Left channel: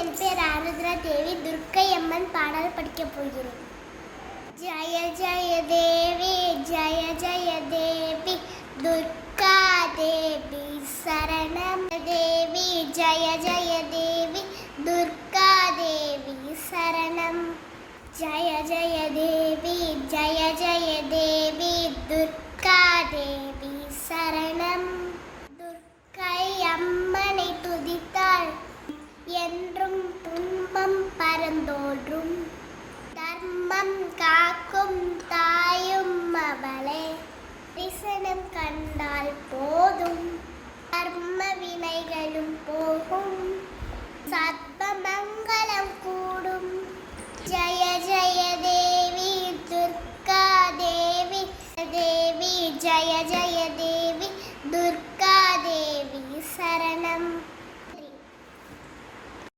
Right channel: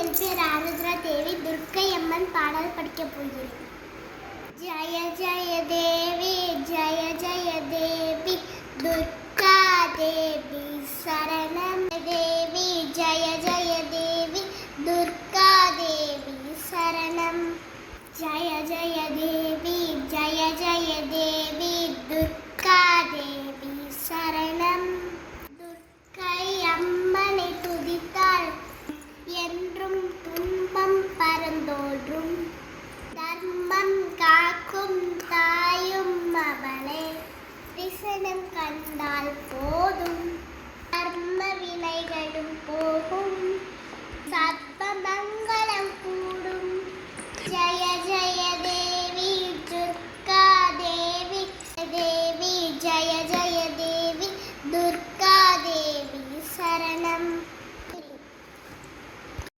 என் பேர் ஆருத்ரா தேவி. துர்க்கை அம்மன் பாடல் படிக்கப் போகிறேன். ஜய ஜய தேவி ஜய ஜய தேவி துர்கா தேவி சரணம். தேவி ஜய ஜய தேவி துர்கா தேவி சரணம். ஜய ஜய தேவி ஜய ஜய தேவி துர்கா தேவி சரணம். துர்க்கை அம்மனை துதித்தாள் என்றும் துன்பம் பரந்தோன்றும். தர்மம் காக்கும் தாயும் அவளே, விசனம் கண்டால் போதும் கர்ம வினைகளும் போகும், சத்மமங்கலம் கூடும். ஜய ஜய தேவி துர்கா தேவி தேவி ஜய ஜய தேவி துர்கா தேவி சரணம்.